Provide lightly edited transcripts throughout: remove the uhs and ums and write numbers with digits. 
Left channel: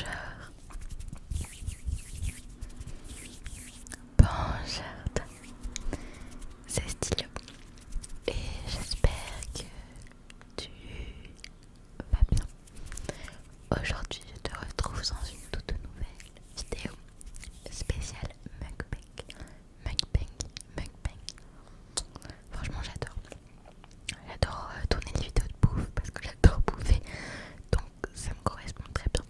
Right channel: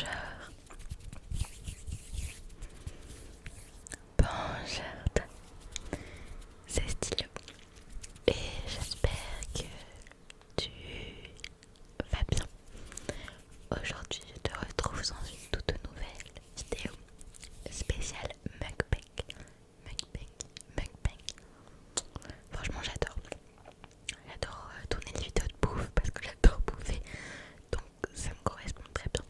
Bonjour. Bonjour. C'est Stylo. Et j'espère que tu vas bien. Aujourd'hui, je te retrouve dans une toute nouvelle vidéo spéciale mukbang. Mukbang. Franchement, j'adore. J'adore tourner des vidéos de bouffe parce que j'adore bouffer. Donc ça me correspond très bien.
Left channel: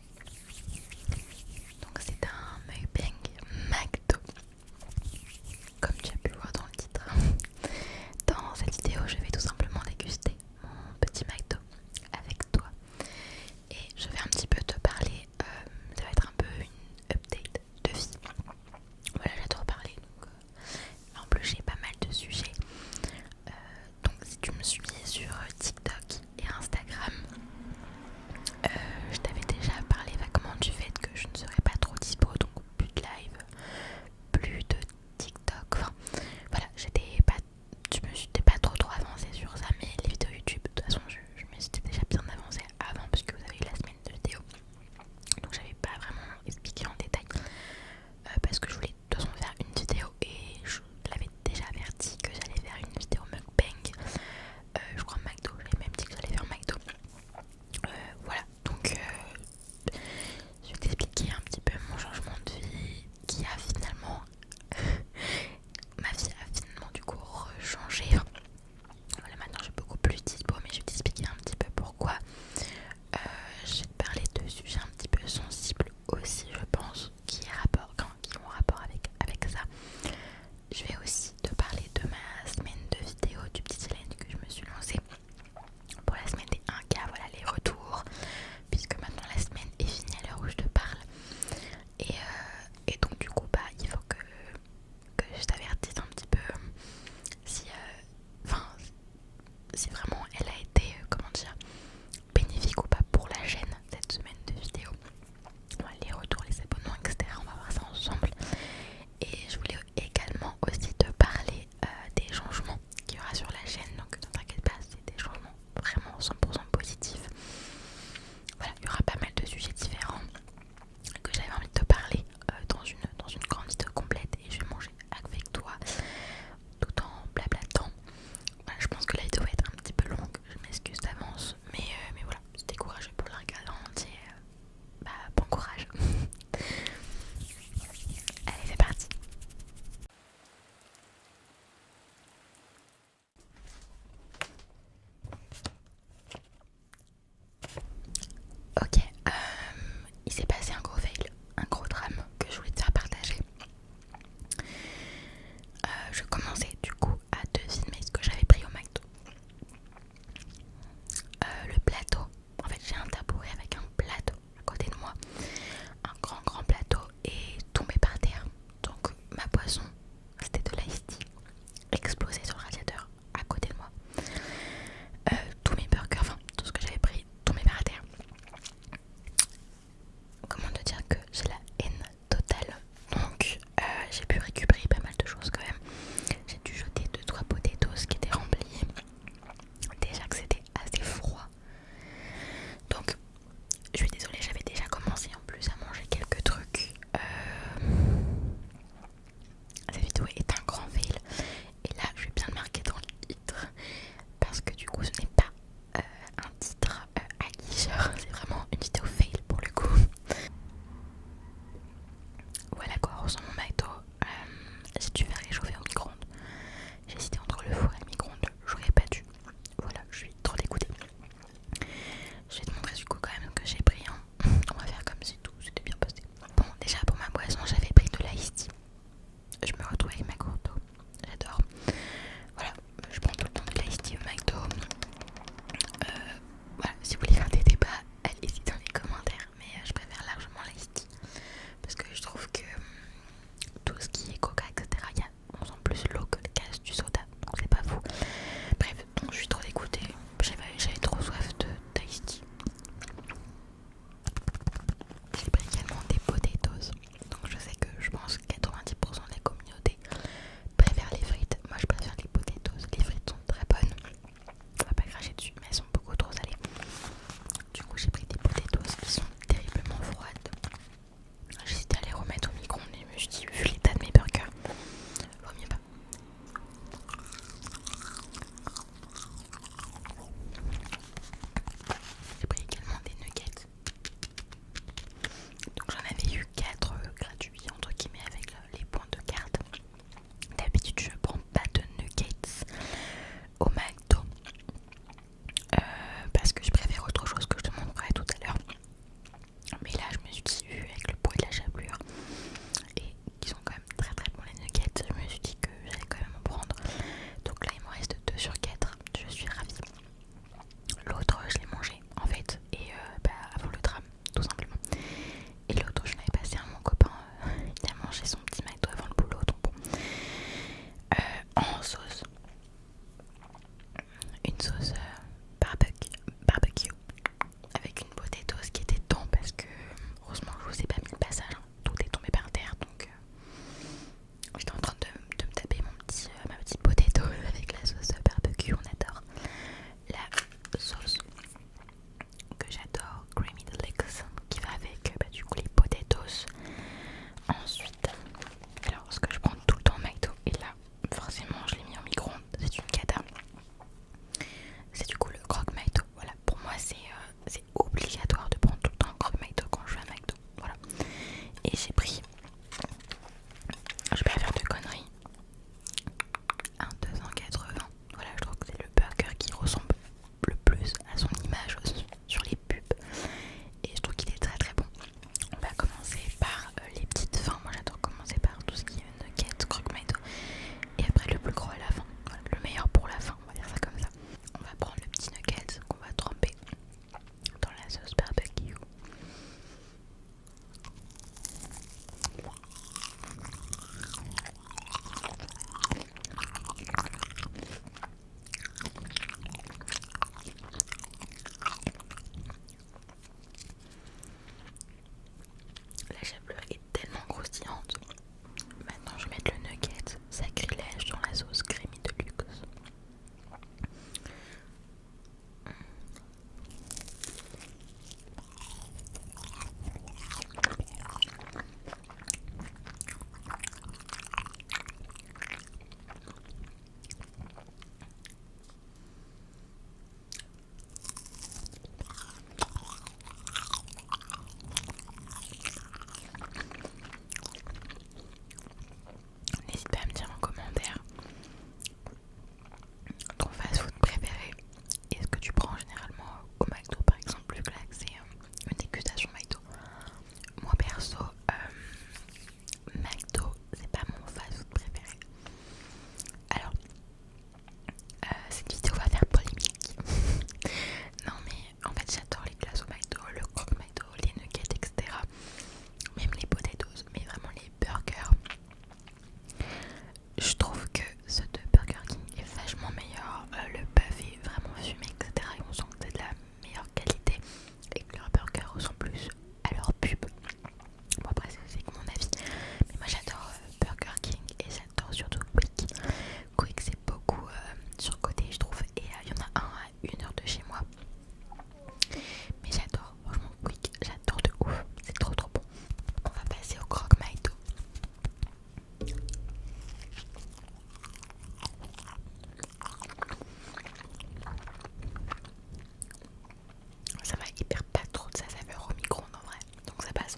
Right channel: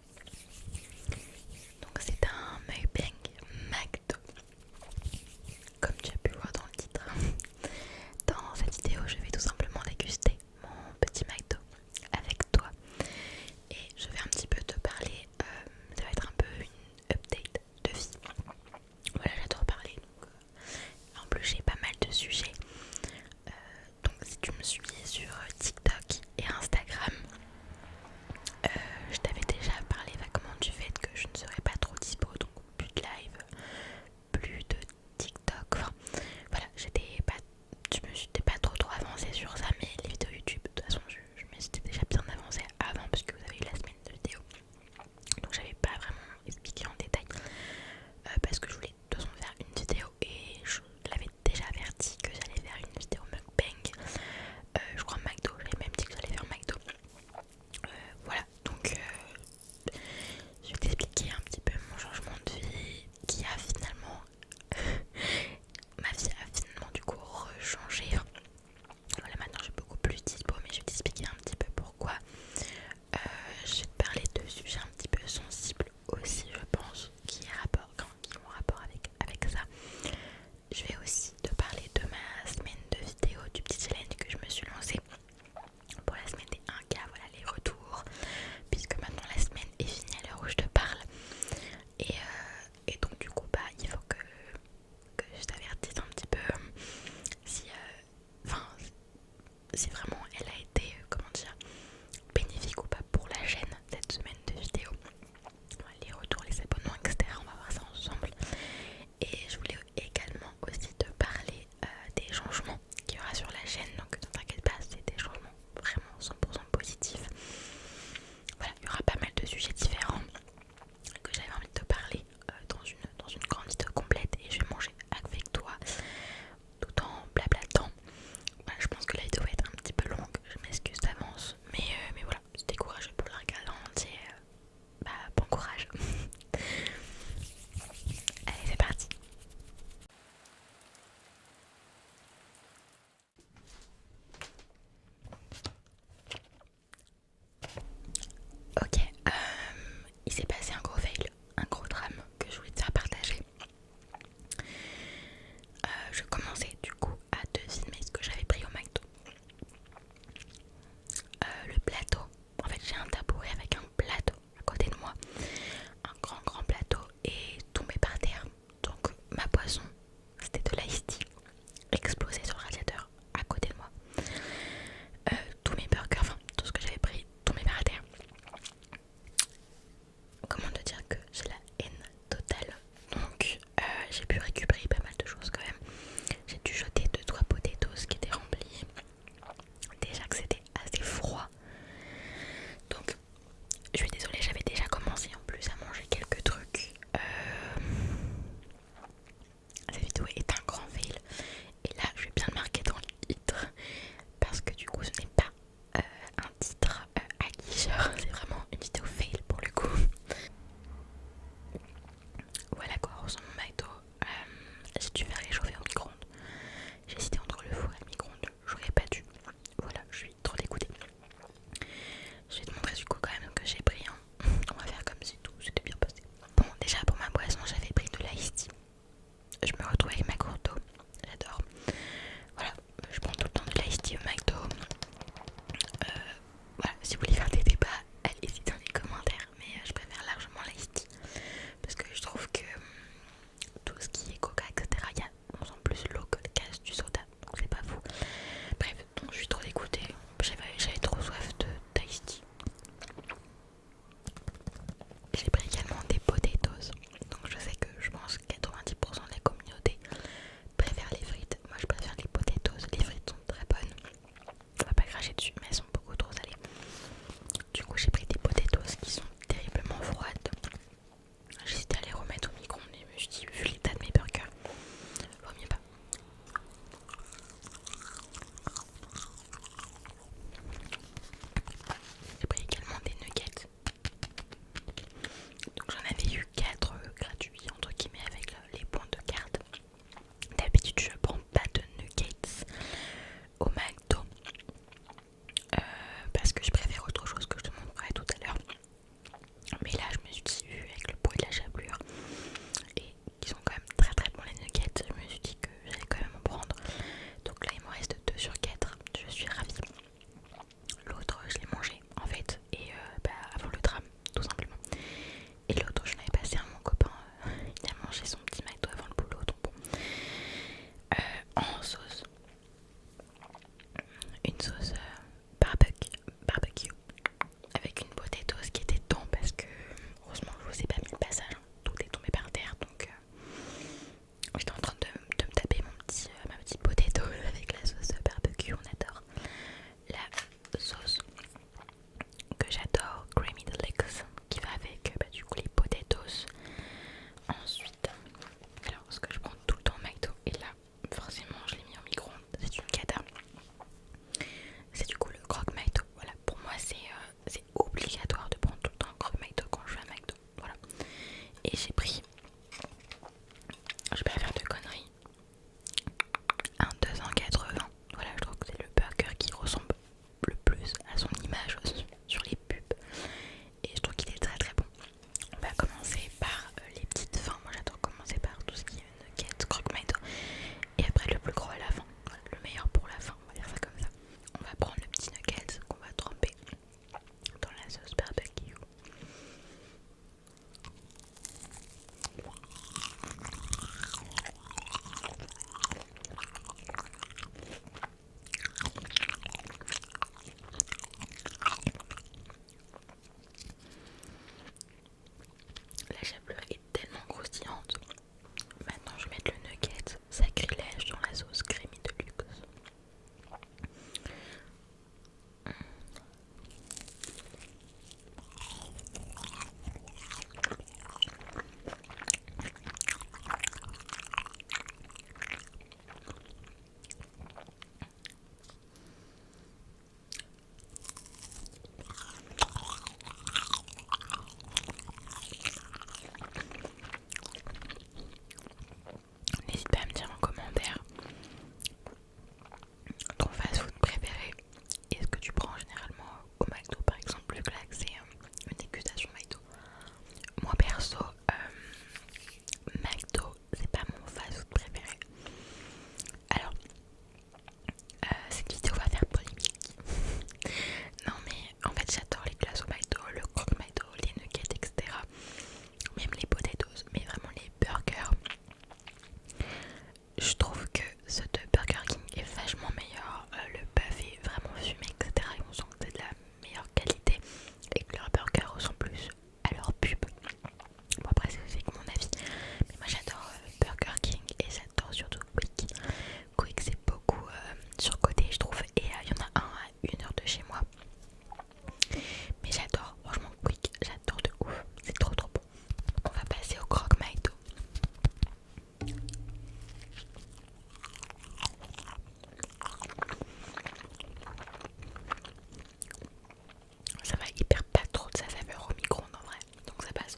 ça va hyper pas trop de sa saveur au micro-ondes en vrai, donc ça passe.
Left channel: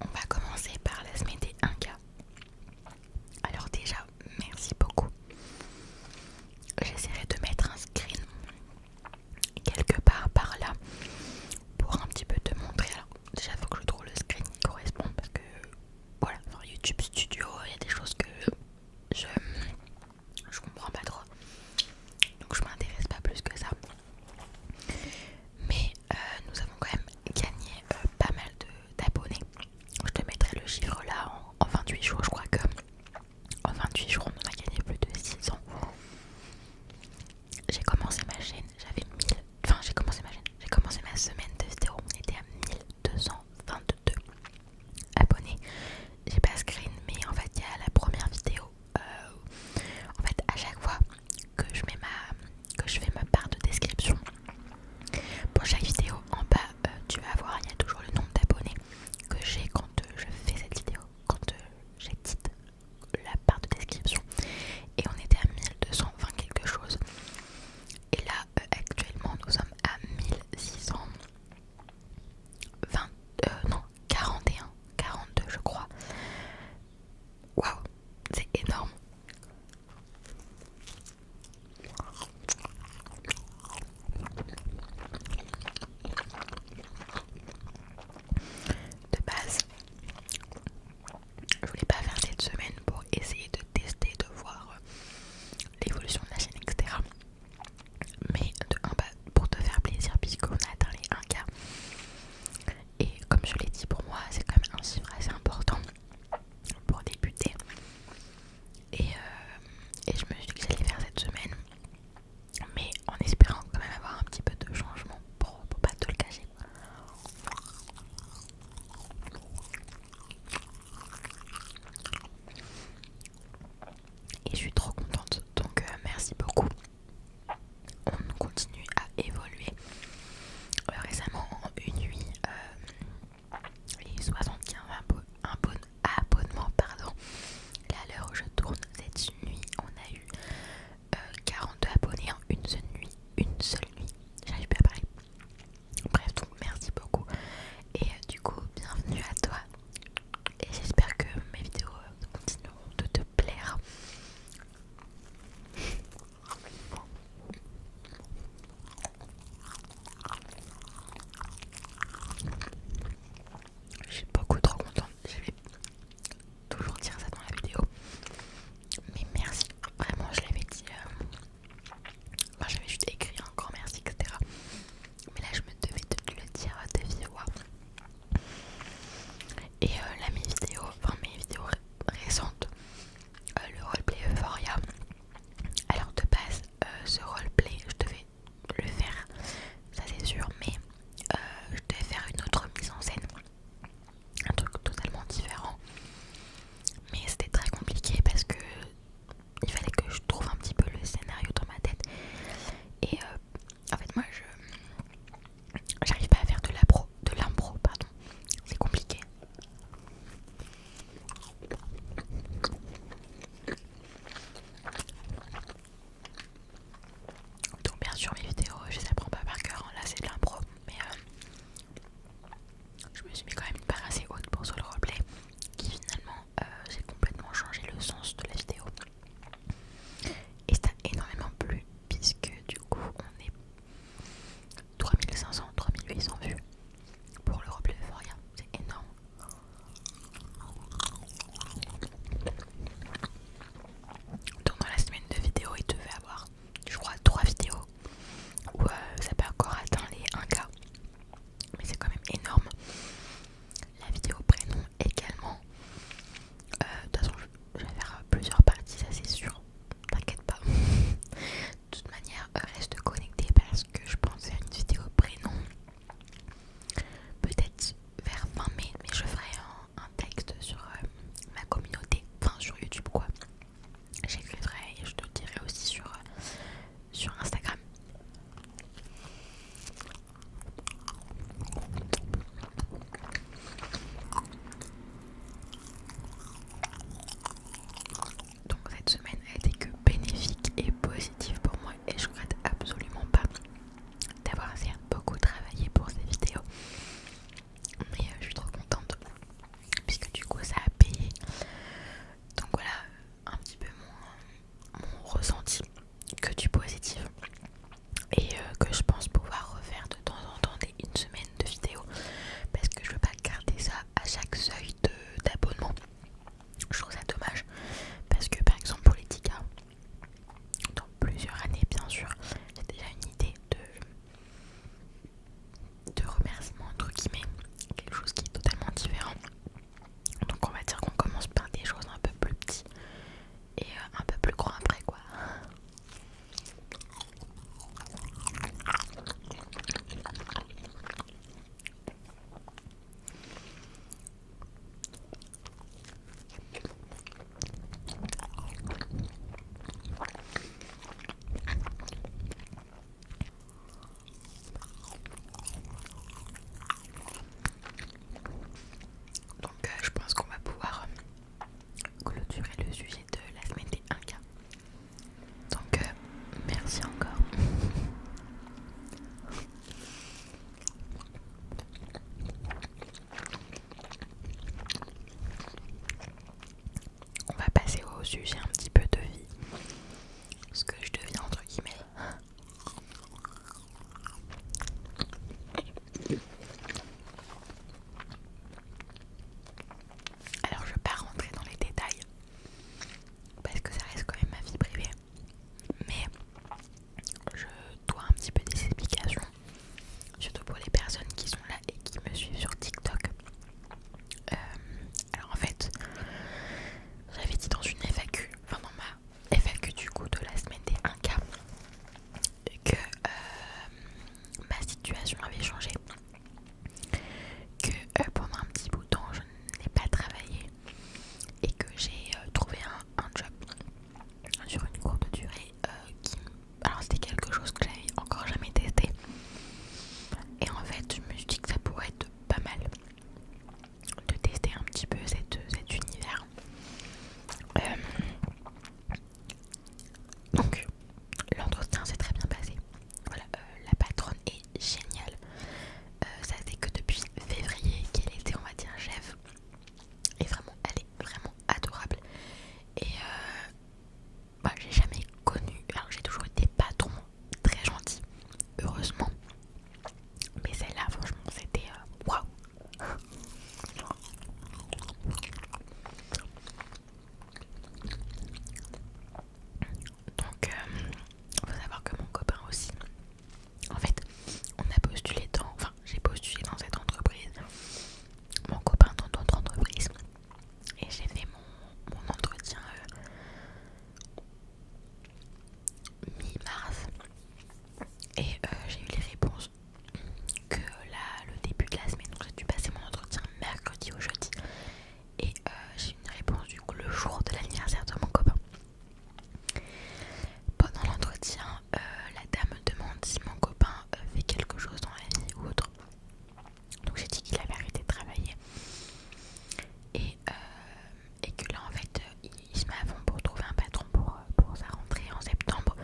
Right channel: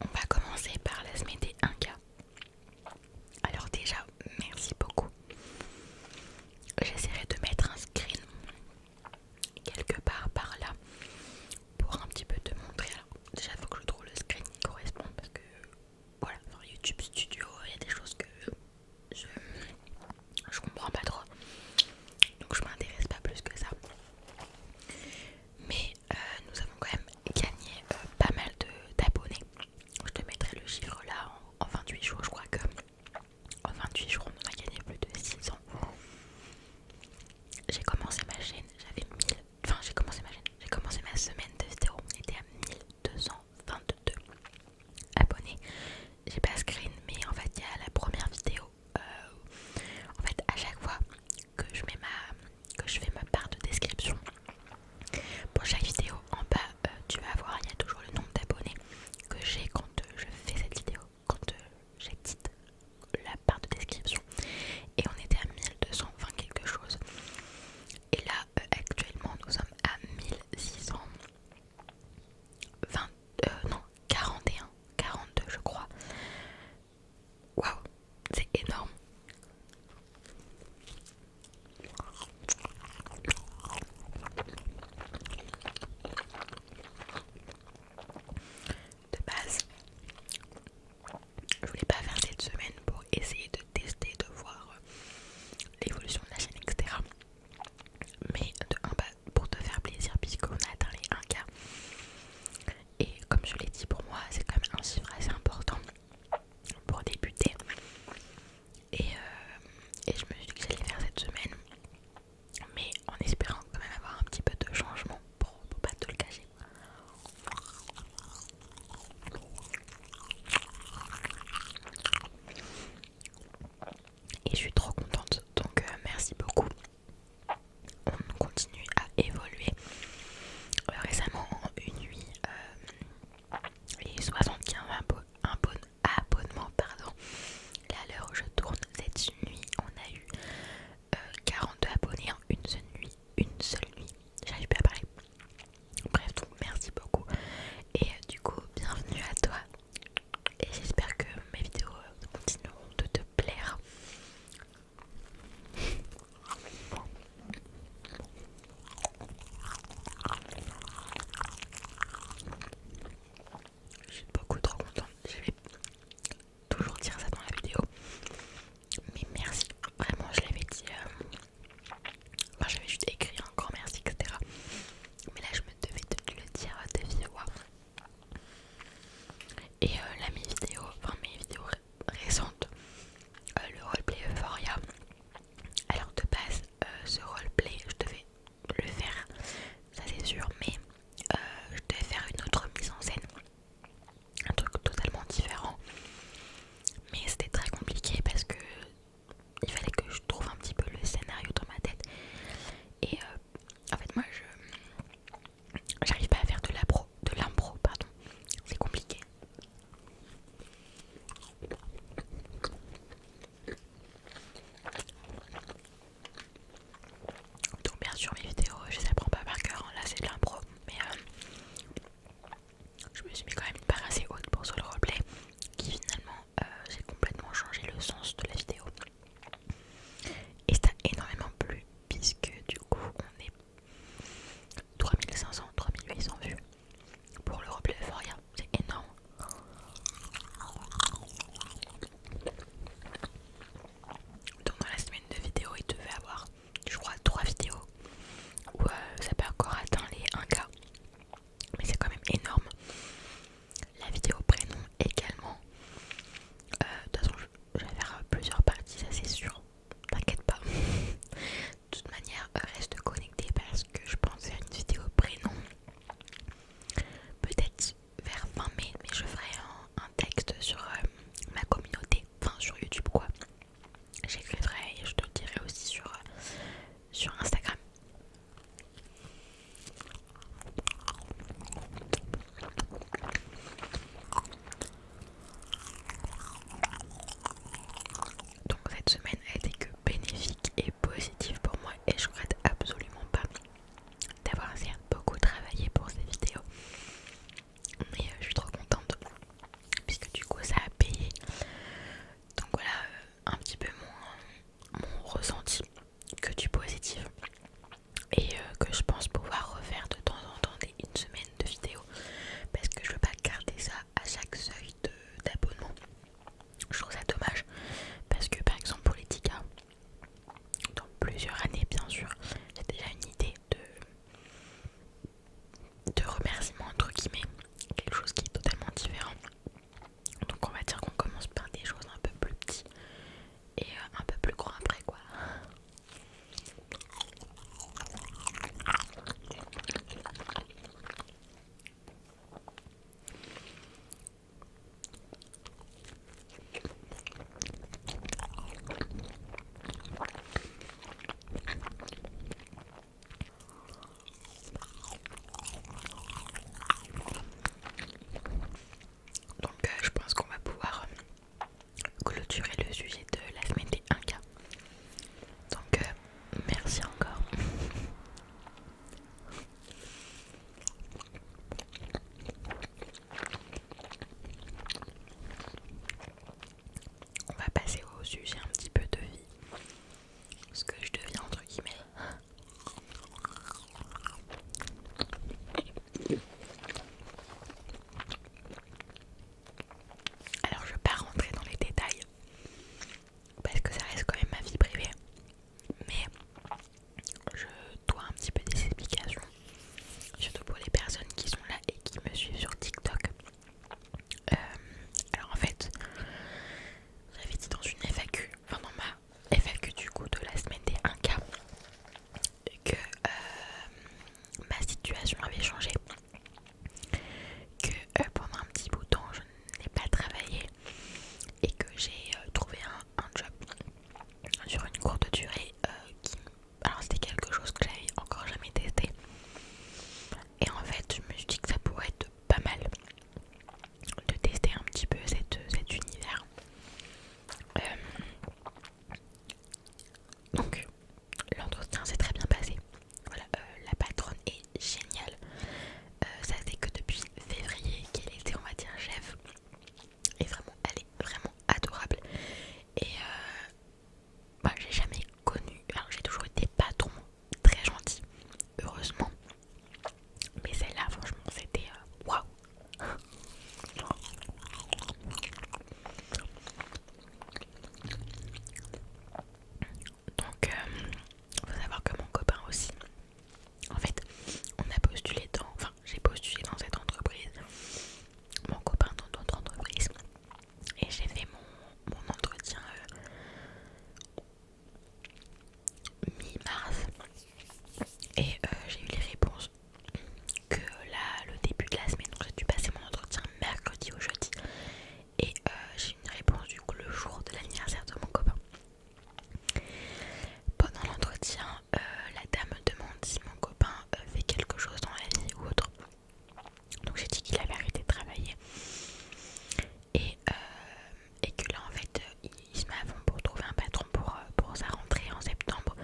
On va commencer par la semaine des 1K. Alors déjà, merci beaucoup. J'essaierai de mettre un screen quelque part par là pour un petit peu te montrer. Alors déjà il faut que je trouve le screen qui correspond parce que voilà, sur YouTube Studio il y a des choses que je comprends pas trop, donc je m'intéresse pas plus que ça. Mais nous avons quand même gagné pas mal d'abonnés. Je te mettrai le chiffre là en 28 jours. Je crois que en 28 jours on en a gagné plus de 600. J'ai commencé ma chaîne, j'avais 1000. Enfin j'ai commencé ma semaine de vidéo, on était à 1222 abonnés. J'ai pas screen, mais en fait il y a la première vidéo. En fait à chaque fois que je fais ma barre de description pour chaque vidéo, en bas tu vas voir, il y a toujours le nombre d'abonnés que j'ai quand je fais cette vidéo, quand j'édite la barre de description, et on était à 1220 quelque chose, et là actuellement nous sommes à 1600. situation avait changé, que pendant un petit bout de temps je n'ai pas travaillé et que j'ai trouvé un job sur une courte durée qui... Alors c'était quelque chose que j'avais encore jamais testé et en fait je me suis dit que ça pourrait être pas mal de tester un petit peu cet univers. Donc l'entretien s'est très bien passé. Voilà, la patronne est géniale. Ça fait que depuis février qu'elle était, on va dire, chef. Et vraiment, elle est vraiment adorable. Et j'ai jamais connu. Alors j'ai toujours été patron très gentil, heureusement. Mais celle-là, franchement, c'était waouh. Donc, faut savoir que mon copain aussi. En fait, on a postulé enfin, j'ai postulé dans cette entreprise, mon copain dans d'autres entreprises, et j'ai fait mon entretien mi-mars, et j'ai eu les réponses que là, le début de la semaine. Donc, j'ai dû passer mon entretien mercredi au jeudi, et j'ai eu une réponse du coup le jour de l'anniversaire de mon copain. Pendant l'entretien, la dame me demande si mon copain fait quelque chose dans la vie ou autre. Donc j'ai dit qu'il avait arrêté de travailler et que là en fait il se met à fond pour trouver un patron pour sa rentrée en septembre,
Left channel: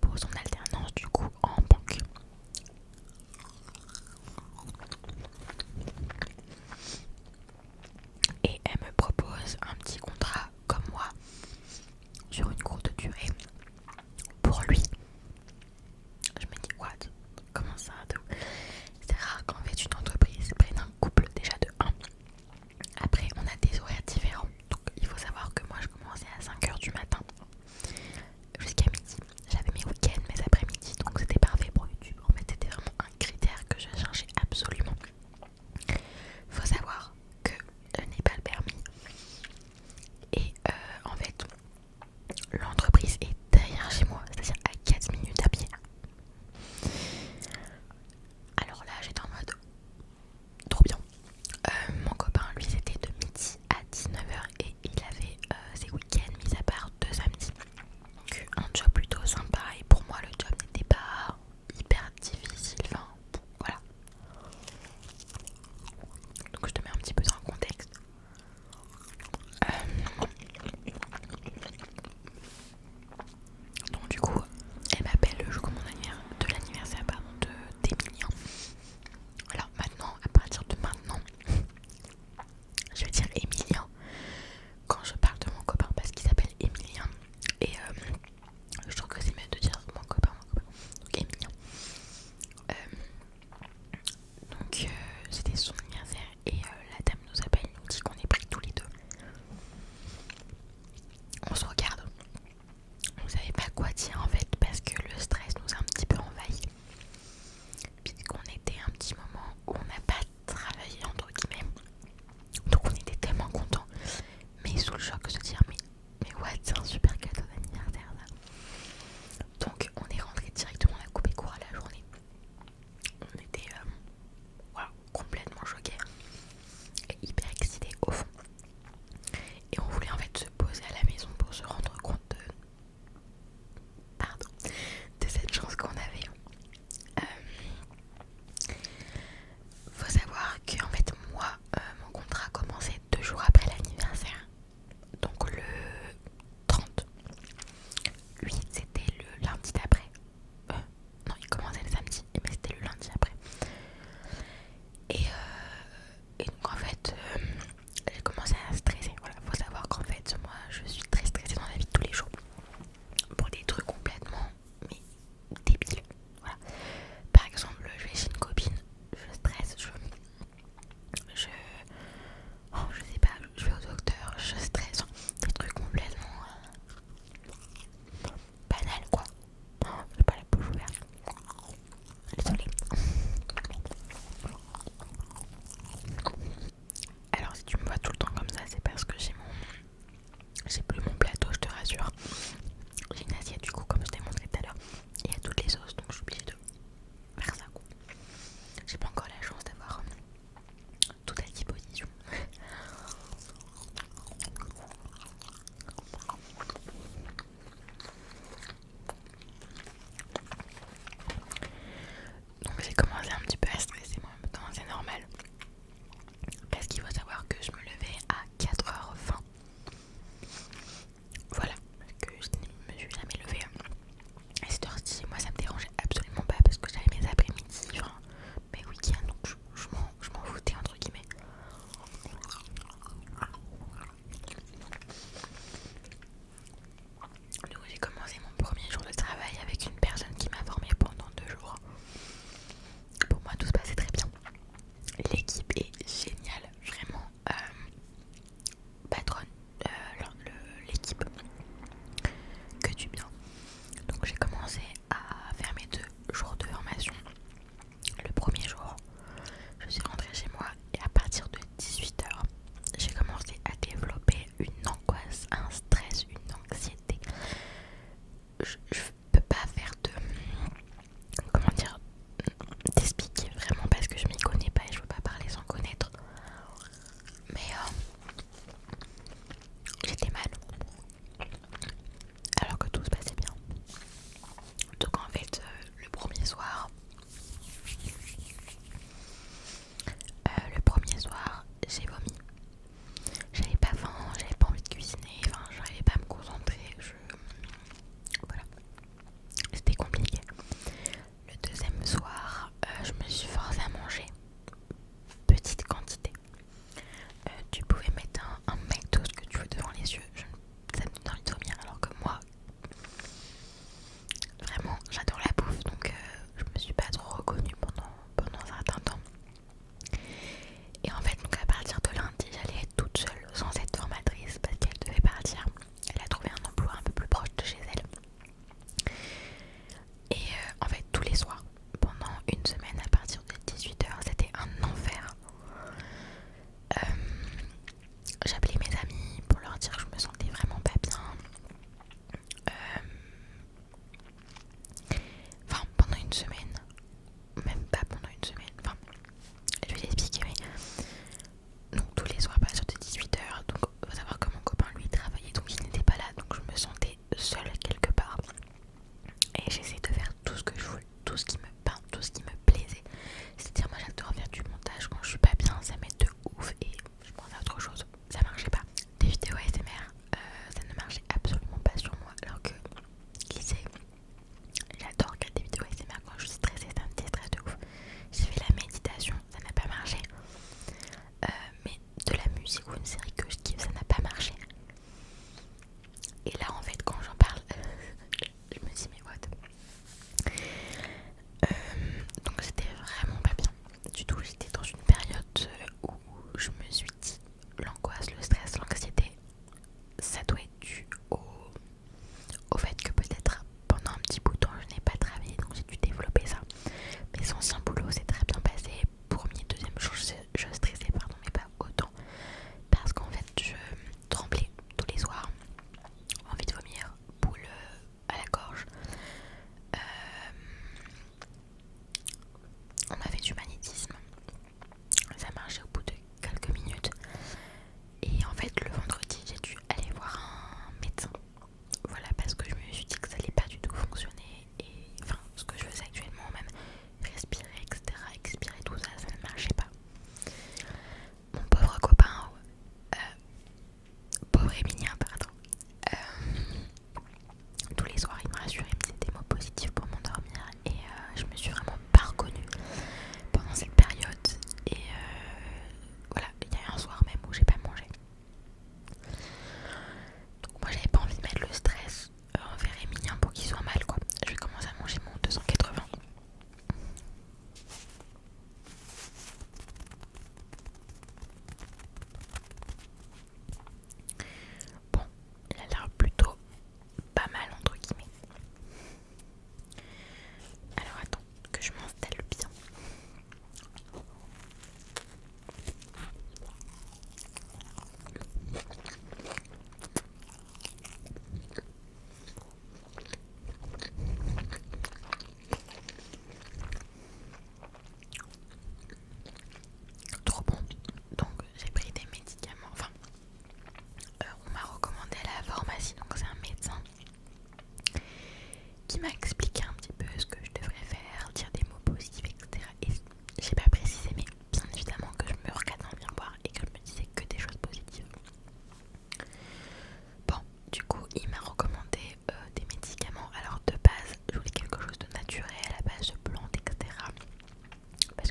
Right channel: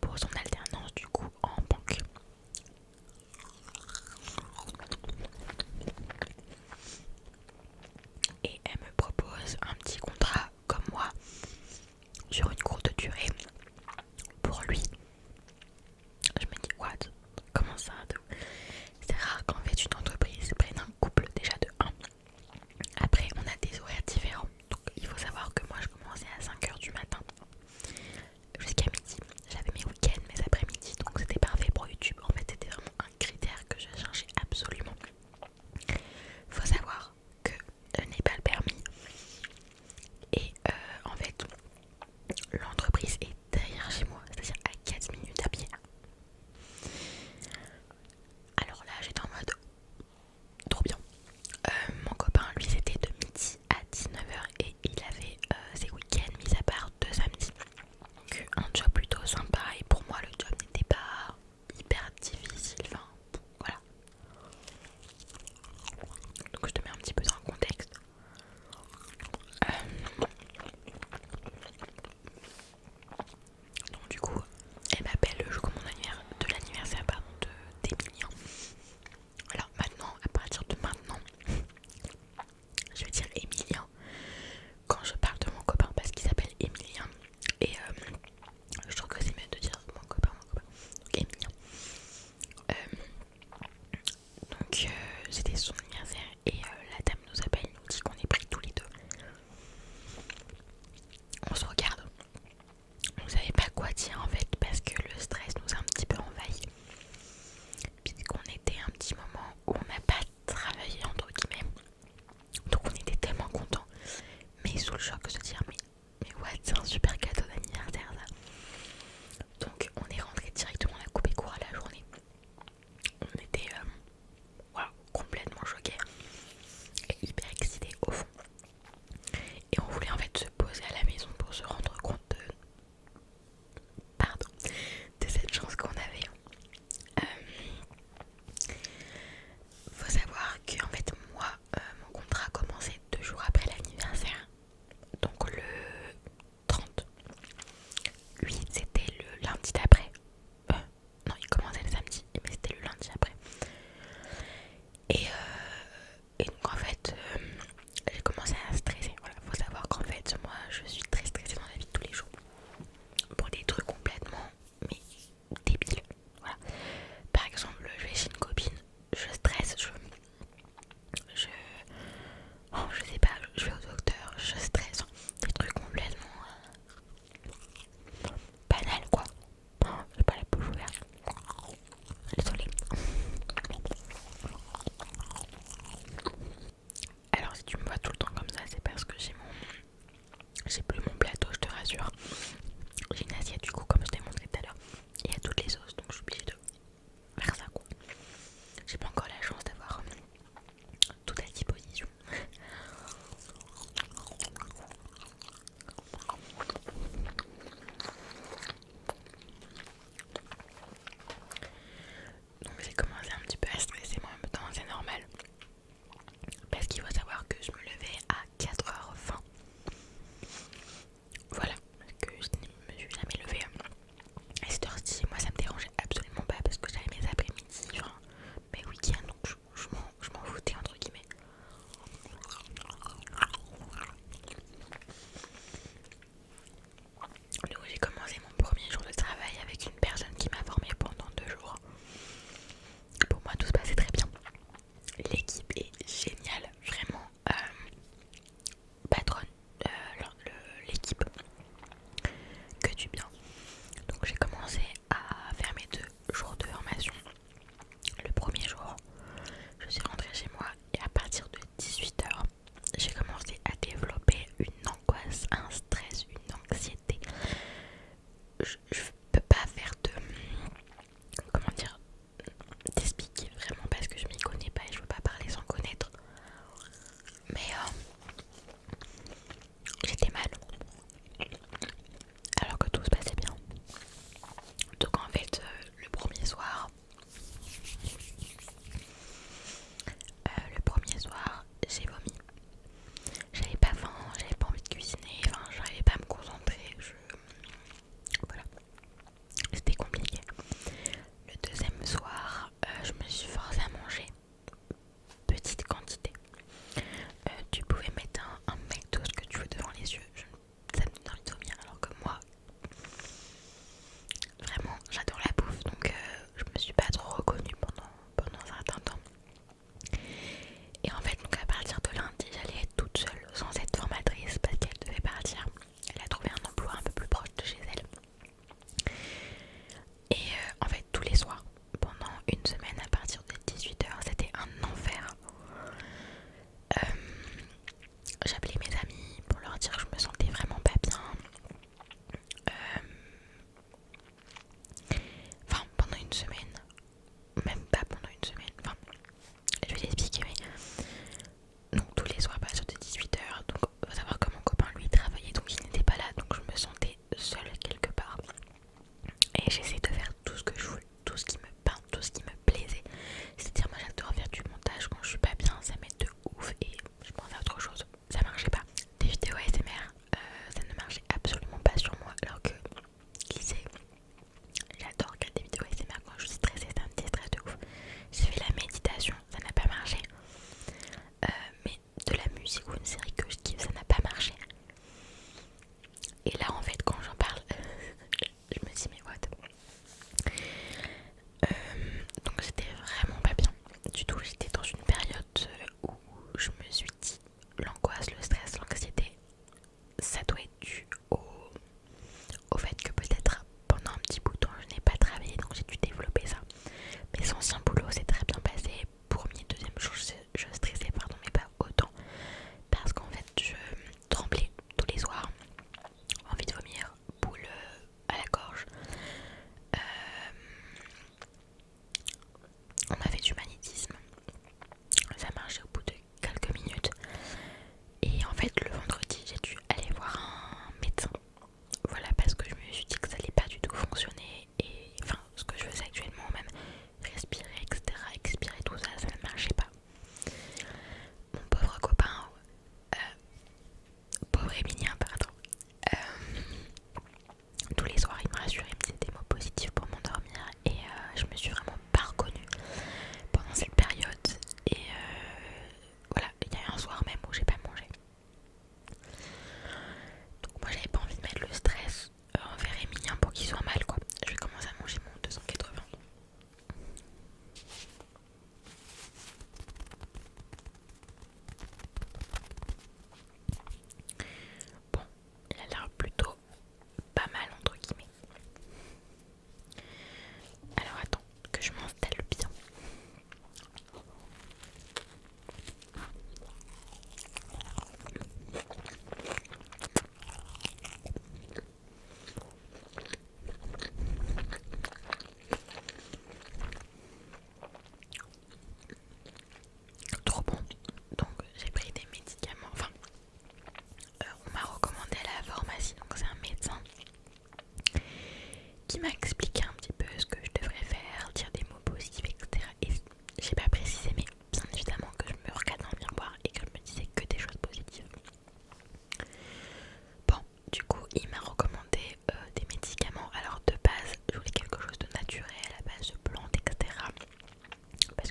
pour son alternance du coup en banque. Et elle me propose un petit contrat comme moi sur une courte durée pour lui. Je me dis what? Comment ça? C'est rare qu'en fait une entreprise prenne un couple déjà de 1. Après on a des horaires différents. Donc il faut savoir que moi je commençais à 5h du matin jusqu'à midi. J'avais mes week-ends, mes après-midi, donc c'était parfait pour YouTube. En fait c'était vraiment un critère que je cherchais absolument. Faut savoir que je n'ai pas le permis. Et en fait l'entreprise est derrière chez moi, c'est-à-dire à 4 minutes à pied. Alors là j'étais en mode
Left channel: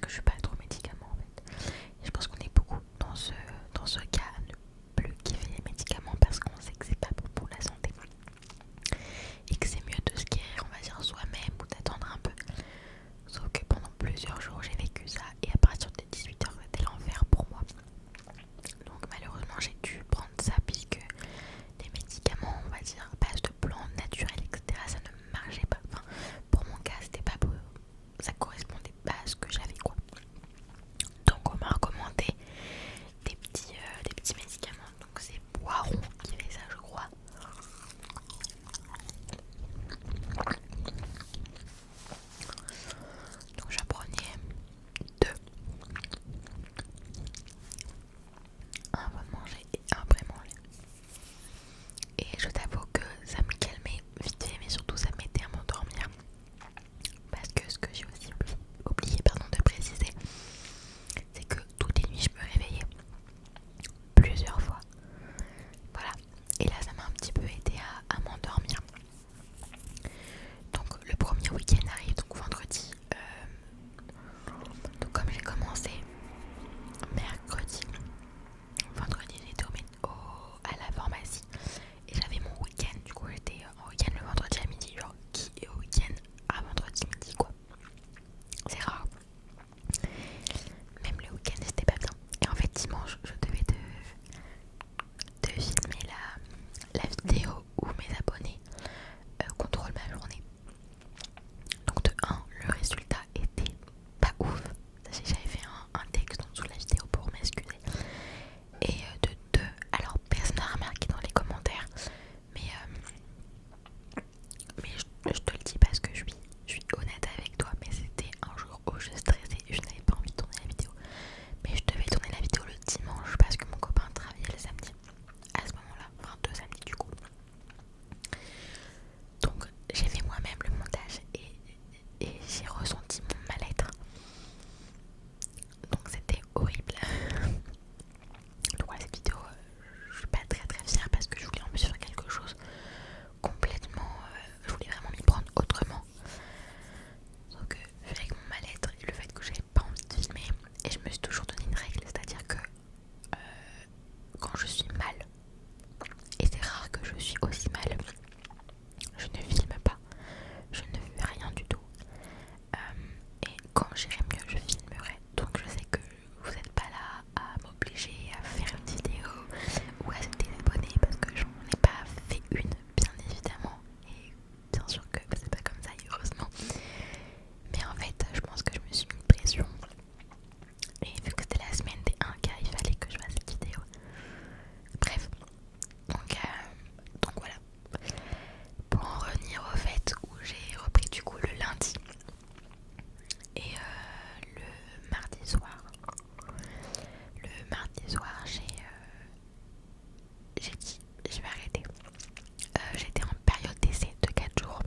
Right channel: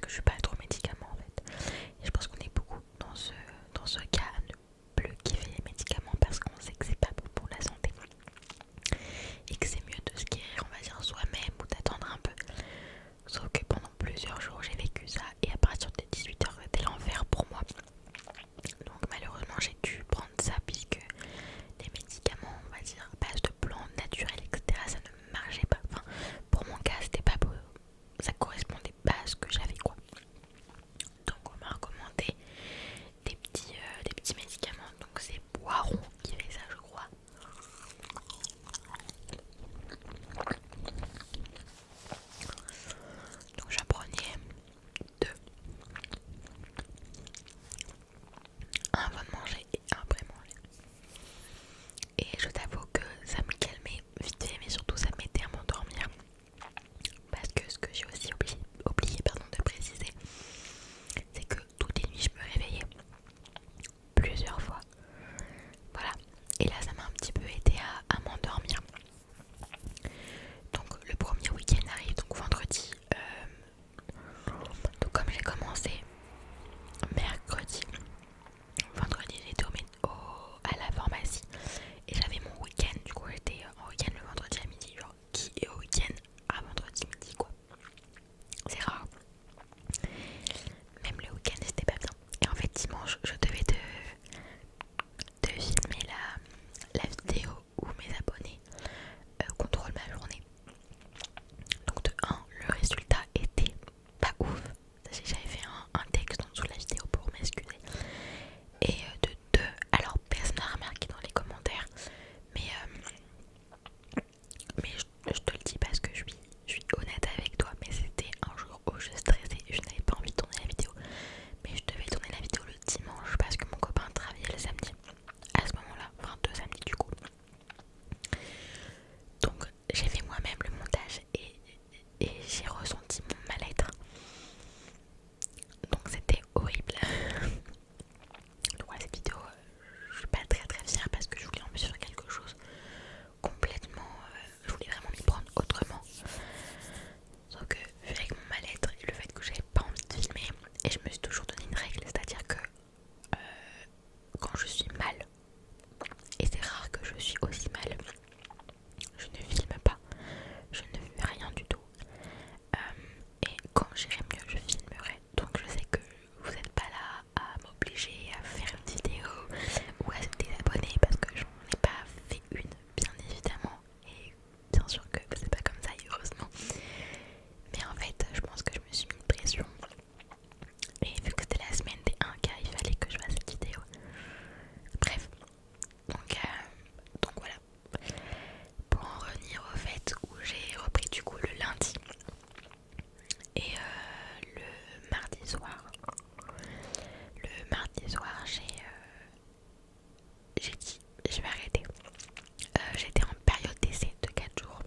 que je suis pas trop médicaments en fait. Et je pense qu'on est beaucoup dans ce cas à ne plus kiffer les médicaments parce qu'on sait que c'est pas bon pour la santé. Et que c'est mieux de se guérir, on va dire, soi-même ou d'attendre un peu. Sauf que pendant plusieurs jours j'ai vécu ça et à partir de 18h c'était l'enfer pour moi. Donc malheureusement j'ai dû prendre ça puisque les médicaments, on va dire, à base de plantes naturelles, etc. ça ne marchait pas. Enfin, pour mon cas c'était pas beau, ça correspondait pas à ce que j'avais quoi. Donc on m'a recommandé des petits médicaments. Donc c'est Boiron qui fait ça je crois. Donc j'en prenais 2. Un avant de manger et un après manger. Et je t'avoue que ça me calmait vite fait mais surtout ça m'aidait à m'endormir. Parce que ce que j'ai aussi oublié de préciser, c'est que toutes les nuits je me réveillais plusieurs fois. Voilà. Et là ça m'a un petit peu aidé à m'endormir. Donc le premier week-end arrive, donc vendredi. Donc comme j'ai commencé mercredi, vendredi j'étais à la pharmacie et j'avais mon week-end. Du coup j'étais en week-end le vendredi à midi, genre qui est au week-end à vendredi midi quoi. C'est rare. Même le week-end c'était pas bien. Et en fait dimanche je devais de filmer la vidéo où mes abonnés contrôlent ma journée. Donc de 1, le résultat était pas ouf. J'avais fait un texte en dessous de la vidéo pour m'excuser. Et de 2, alors personne n'a remarqué dans les commentaires, mais je te le dis parce que je suis honnête avec toi, mais c'était un jour où je stressais, je n'avais pas envie de tourner la vidéo. Mais je devais tourner la vidéo le dimanche parce que mon copain travaillait le samedi. À ce moment-là, enfin 2 samedis du coup. Donc j'ai fait moi-même le montage et j'ai ressenti mon mal-être. Donc c'était horrible. Donc voilà, cette vidéo, je suis pas très fière parce que je voulais en plus faire quelque chose complètement... je voulais vraiment m'y prendre autrement. Sauf que vu avec mon mal-être et le fait que j'avais pas envie de filmer, et je me suis toujours donné une règle, c'est-à-dire que quand je suis mal, et c'est rare que je suis aussi mal, je ne filme pas, je ne fais rien du tout. Et quand j'irai mieux, je filmerai. Donc je sais que vous n'êtes pas là à m'obliger à faire une vidéo ou à se désabonner parce que j'en ai pas fait une, bien évidemment. Et bien sûr que c'est pas comme ça, heureusement. Mais en fait, je pense que je me suis mis une pression. Et vu que c'était la semaine des 1K, il fallait que je fasse cette vidéo. Bref, donc voilà. Pour en revenir au fait où j'ai repris du coup le lundi et le mardi soir. Le mardi soir, j'ai dit je vais arrêter. J'étais en période d'essai de 4 jours.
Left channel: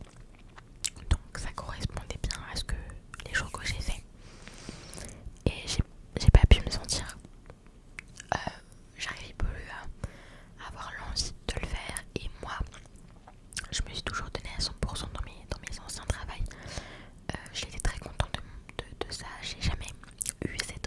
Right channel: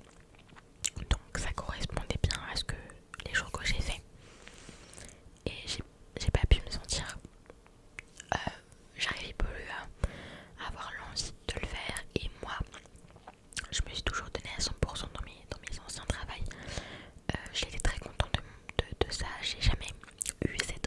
Donc ça correspondait bien à ce que les jours que j'ai fait. Et j'ai pas pu me sentir. J'arrivais plus à avoir l'envie de le faire. Et moi, je me suis toujours donnée à 100% dans mes anciens travails. J'étais très contente de ça. J'ai jamais eu cette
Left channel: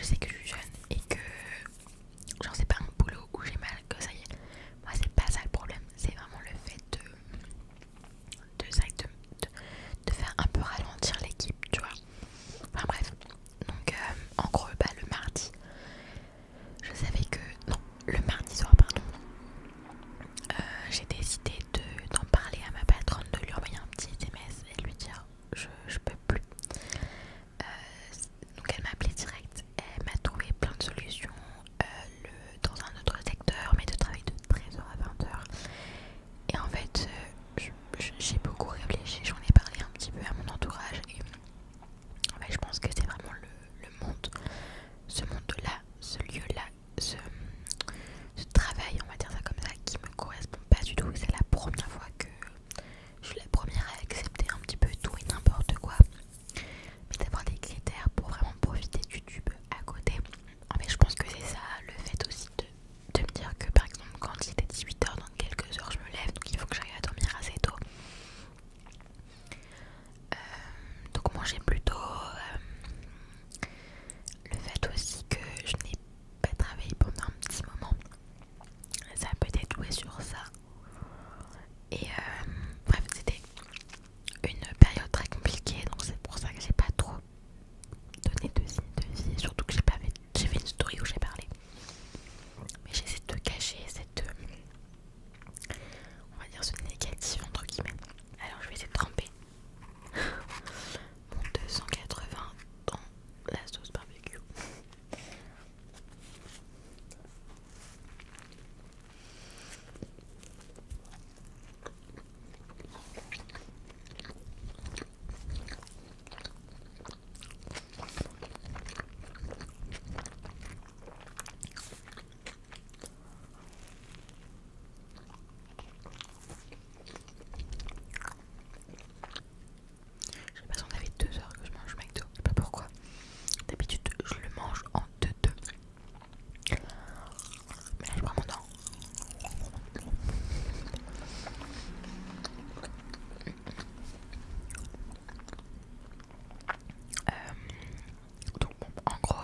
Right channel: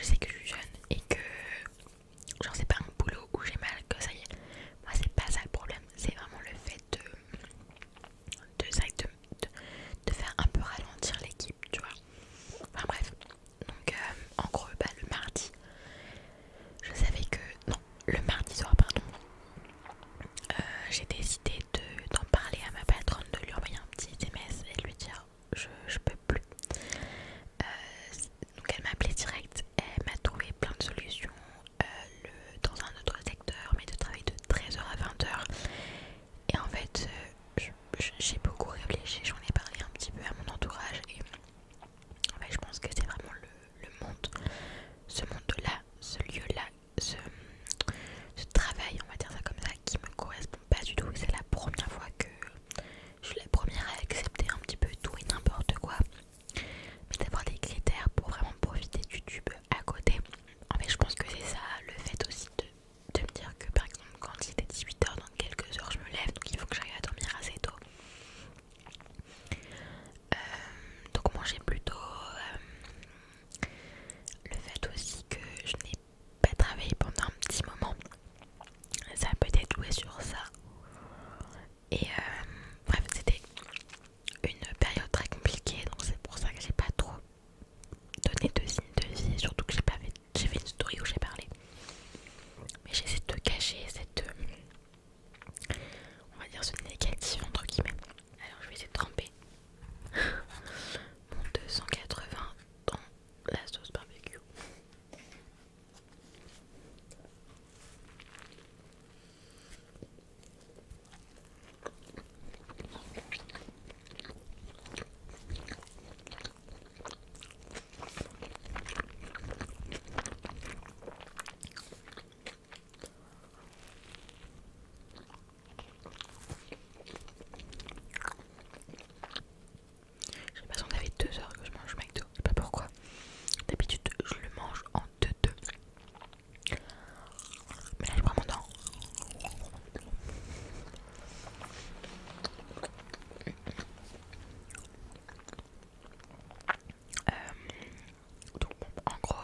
je sais que je suis jeune et que genre c'est pas un boulot où j'ai mal que ça y est. Moi c'est pas ça le problème, c'est vraiment le fait de faire un peu ralentir l'équipe, tu vois. Enfin bref, donc en gros le mardi, je savais que, non, le mardi soir pardon, j'ai décidé d'en parler à ma patronne, de lui envoyer un petit SMS et de lui dire je peux plus. Donc elle m'a appelé direct, elle m'a trouvé plein de solutions dans un autre secteur, mais de travailler de 13h à 20h. Et en fait, j'ai beaucoup réfléchi, j'en ai parlé un petit peu à mon entourage et en fait je pense que c'est vraiment le monde, ce monde-là, ce lieu-là, ce travail, on va dire ça comme ça, qui me correspond pas du tout. C'est la première fois que je suis la première à accepter un petit peu tout et n'importe quoi, mais d'avoir des critères pour vraiment profiter de YouTube à côté. En fait je pense que c'est ça, le fait aussi de me dire que par exemple quand il était 18h, dans quelques heures je me lève, donc il faut que j'arrive à dormir assez tôt. Donc manger plus tôt, le fait aussi que je n'ai pas travaillé pendant un petit moment, ça a peut-être joué sur ça. Et bref, c'était une période très compliquée, donc c'est pour ça que j'ai pas trop donné de signes de vie, surtout que j'ai fait une story où j'ai parlé. Mais j'essaie de cacher cette, on va dire ce négatif entre guillemets. Alors je vais essayer de tremper mon 280 dans la sauce barbecue. J'ai l'impression que ça fait 2 heures que je mange McDo, je sais pas pourquoi. D'habitude je le mange en 2-2. Mais là je prends mon temps. Donc bon, en gros,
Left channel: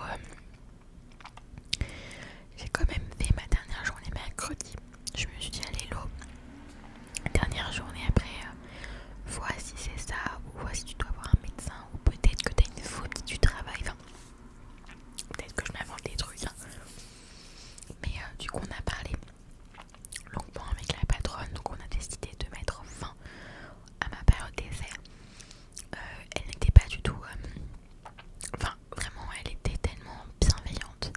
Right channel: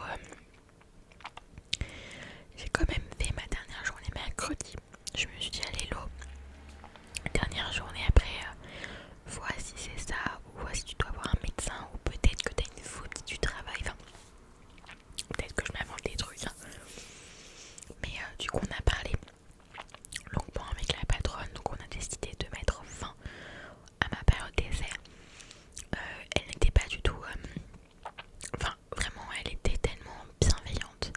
j'ai quand même fait ma dernière journée mercredi. Je me suis dit allez l'eau. Dernière journée après, vois si c'est ça, ou vois si tu dois voir un médecin, ou peut-être que tu as une faute du travail. Enfin, peut-être que je m'invente des trucs. Hein. Mais du coup on a parlé longuement avec la patronne, donc on a décidé de mettre fin à ma période d'essai. Elle n'était pas du tout... Enfin, vraiment, elle était tellement bienveillante.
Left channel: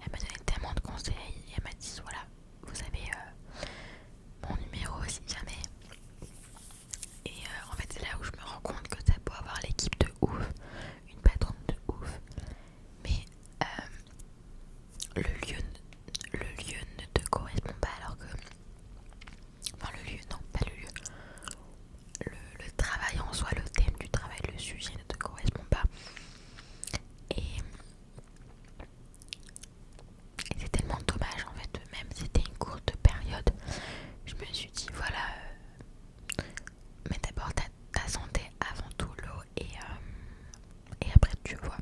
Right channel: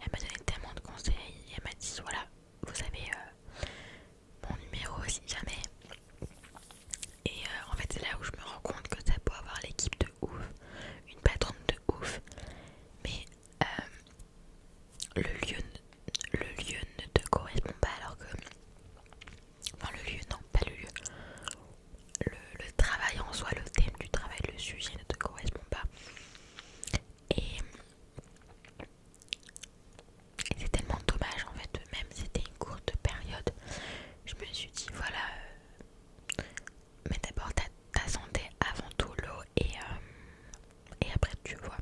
Elle m'a donné tellement de conseils. Et elle m'a dit, voilà, vous avez mon numéro si jamais. Et en fait, c'est là où je me rends compte que ça peut avoir l'équipe de ouf, une patronne de ouf. Mais le lieu ne te correspond pas alors que... Enfin, le lieu, non, pas le lieu. Le travail en soi, le thème du travail, le sujet ne te correspond pas. Et c'est tellement dommage en fait, même si c'était une courte période, je me suis dit voilà, mets d'abord ta santé avant tout l'eau et après tu vois.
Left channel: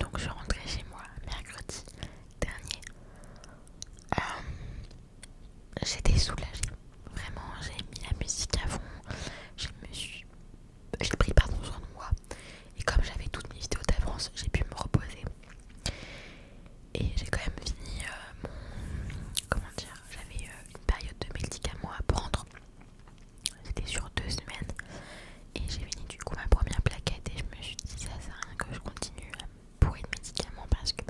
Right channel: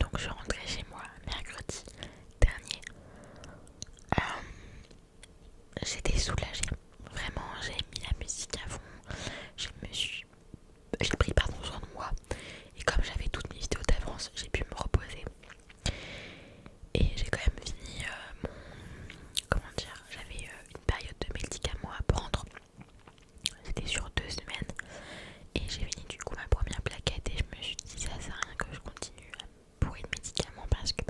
Donc je suis rentrée chez moi mercredi dernier. J'étais soulagée, vraiment j'ai mis la musique à fond, j'ai pris soin de moi et comme j'avais toutes mes vidéos d'avance, j'ai pu me reposer. Et j'ai quand même fini mon... Comment dire, j'avais une période de médicaments à prendre. C'était sur 2 semaines. Et j'ai fini du coup ma première plaquette. Et je me suis dit ça sert à rien que je continue à bourrer de médicaments parce que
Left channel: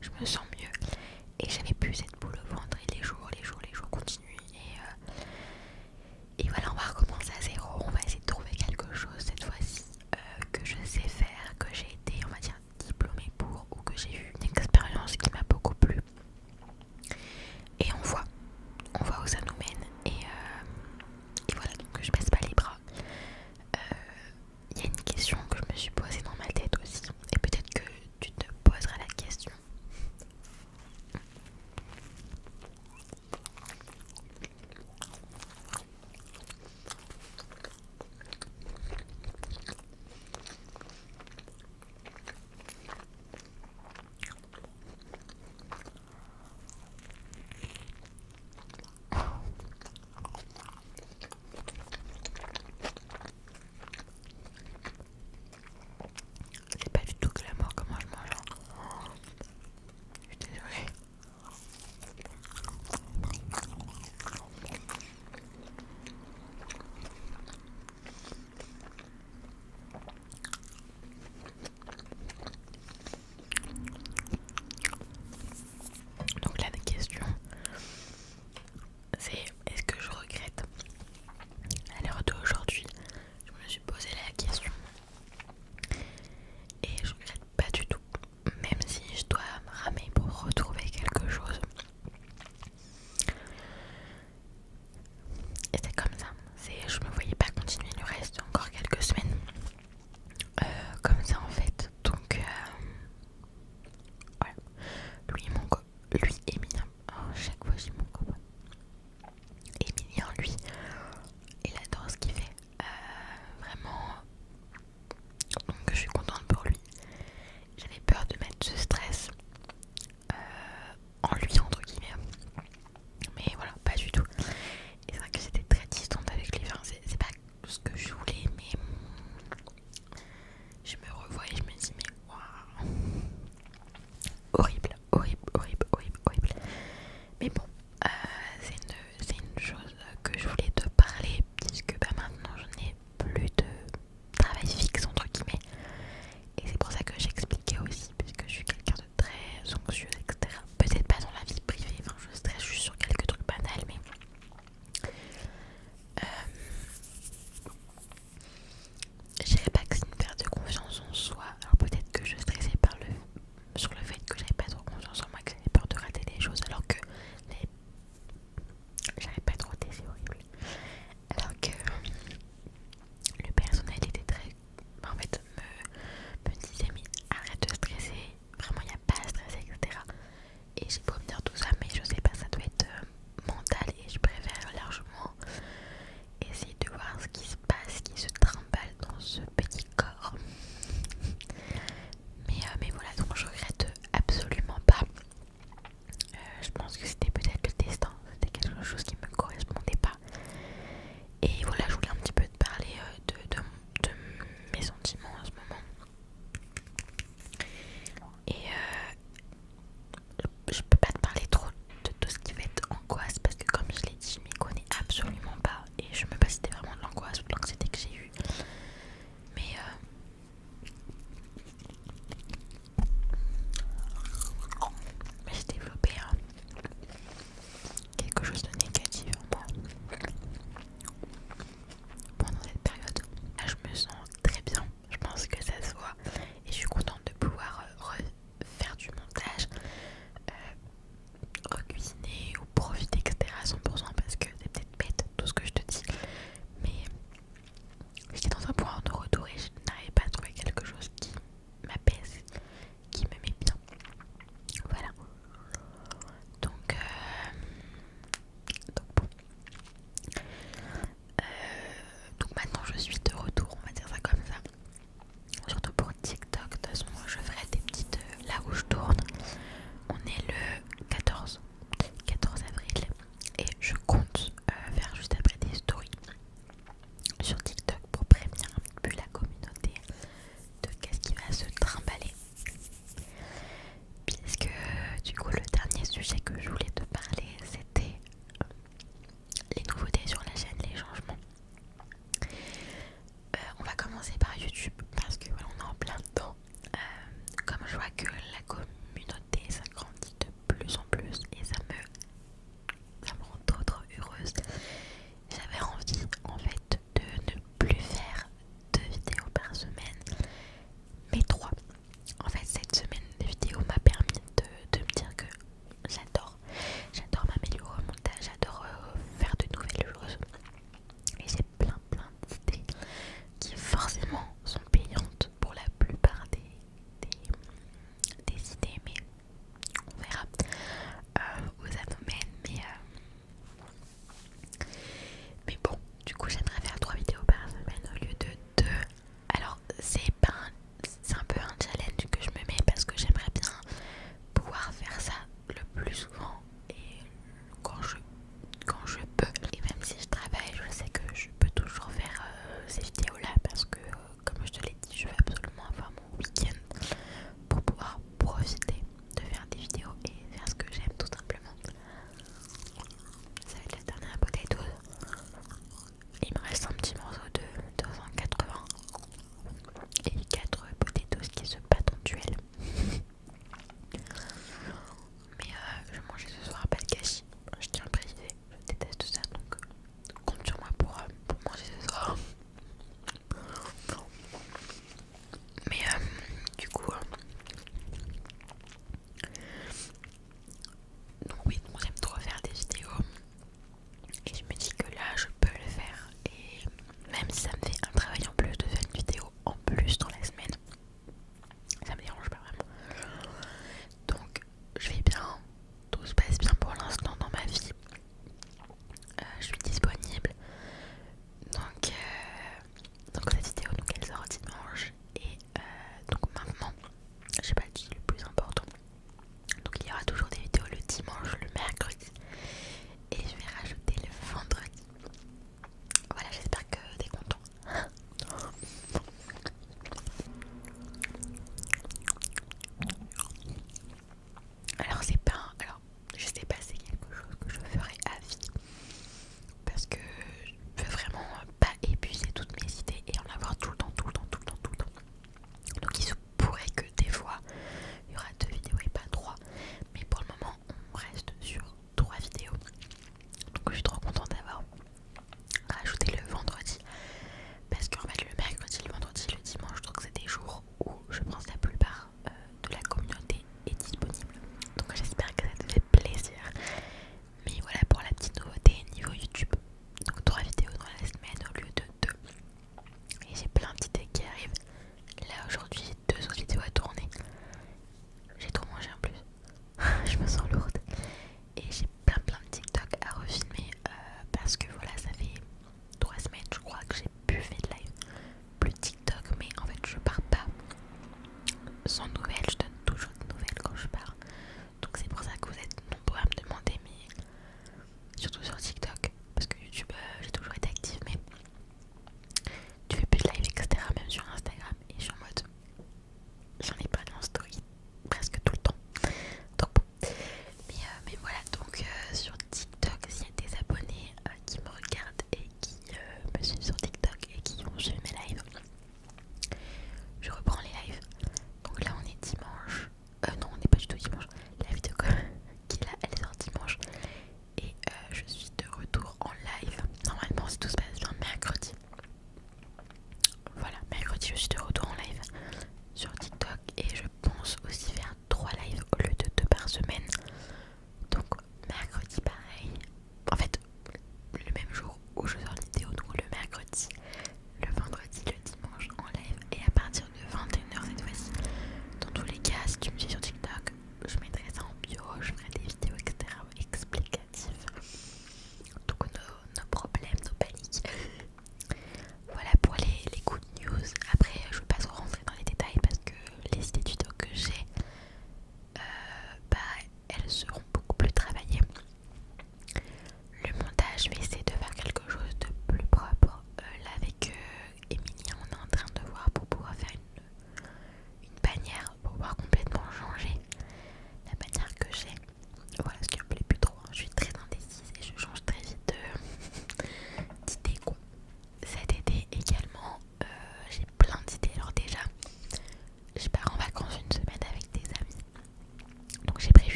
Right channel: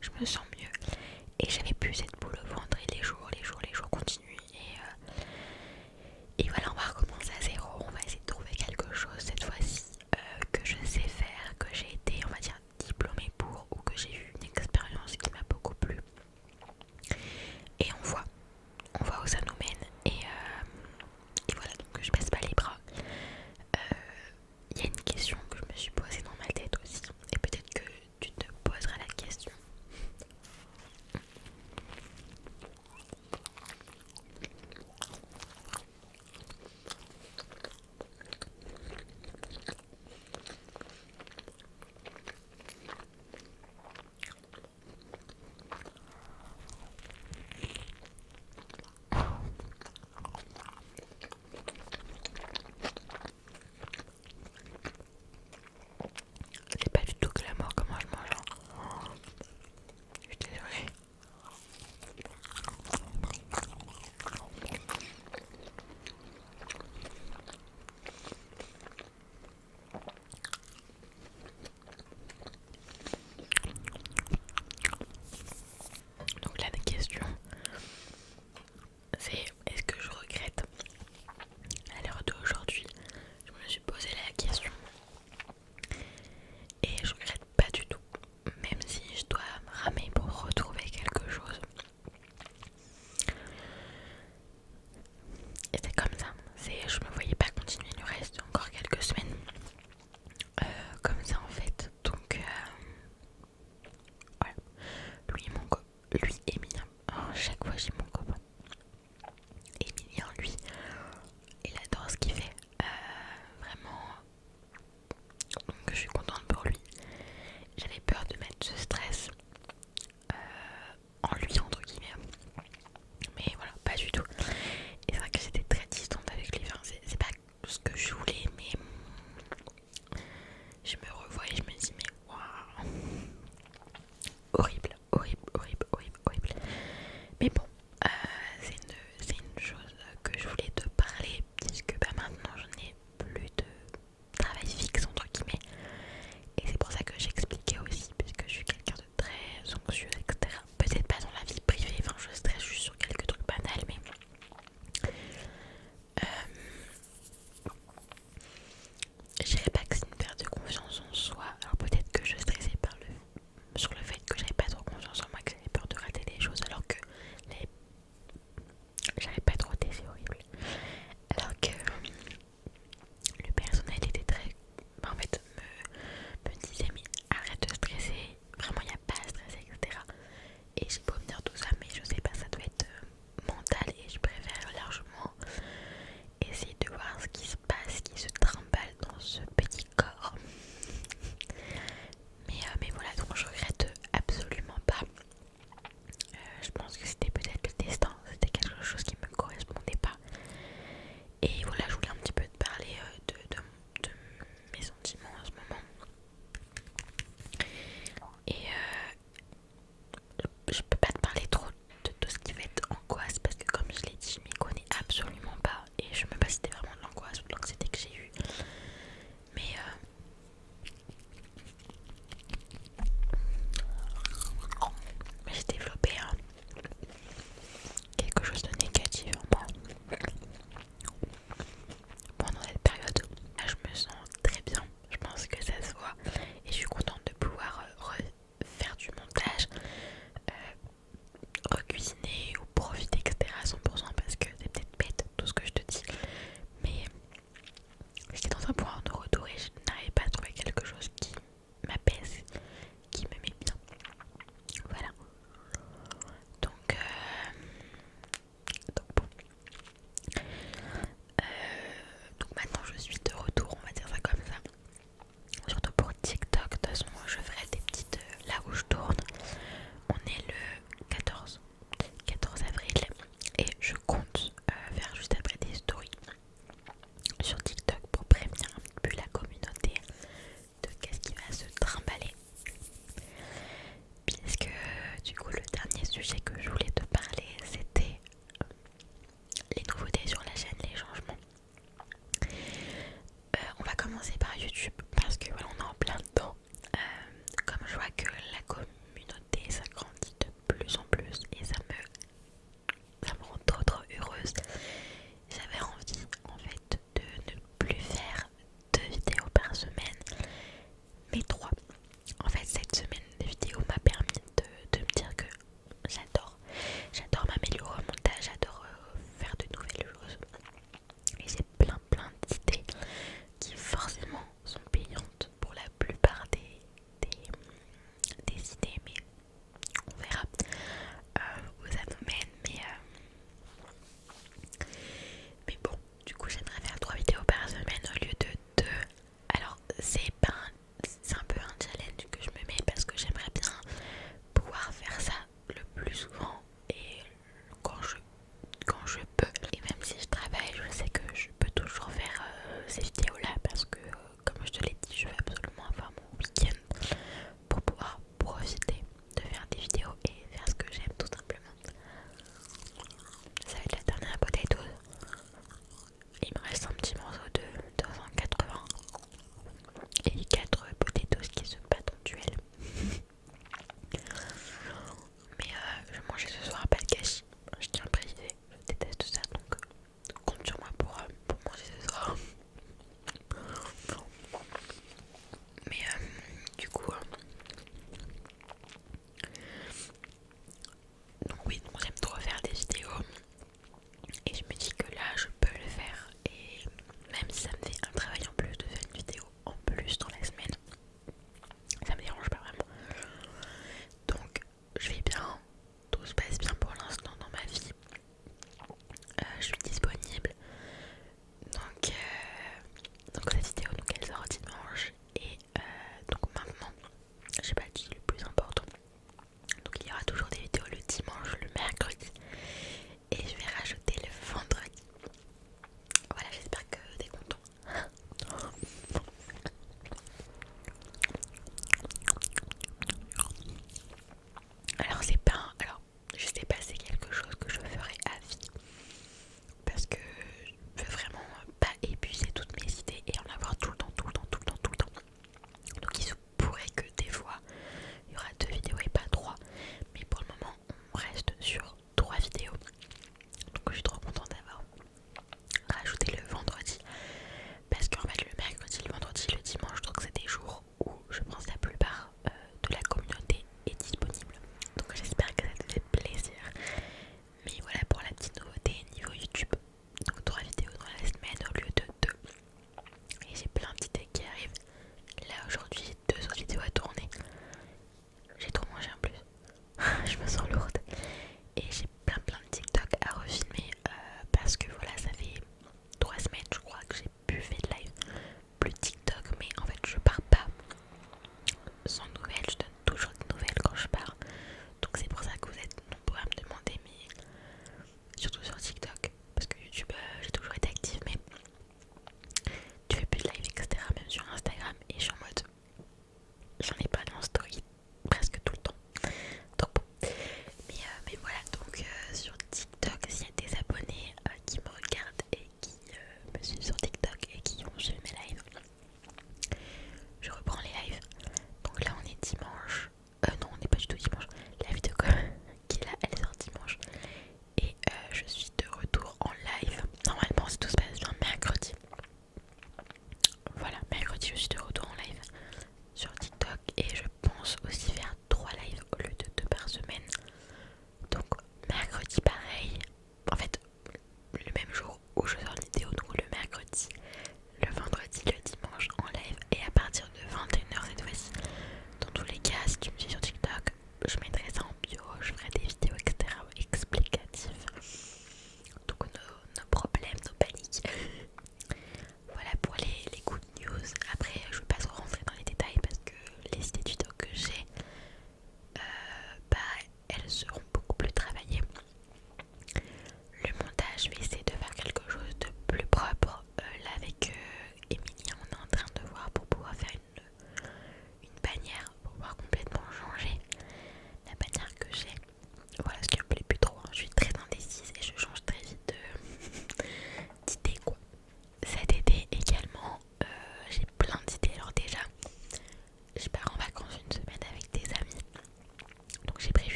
je me sens mieux. Et j'avais plus cette boule au ventre et les jours continuent. Et voilà, on va recommencer à zéro. On va essayer de trouver quelque chose cette fois-ci que je sais faire, que j'ai été, on va dire, diplômée pour, ou que j'ai eu une expérience qui m'a beaucoup plu. Et on voit où ça nous mène. Et voilà, donc je baisse pas les bras. Il y a une question que je me suis posée dans ma tête aussi. Et peut-être que tu te poseras la question.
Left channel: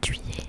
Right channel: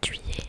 de juillet,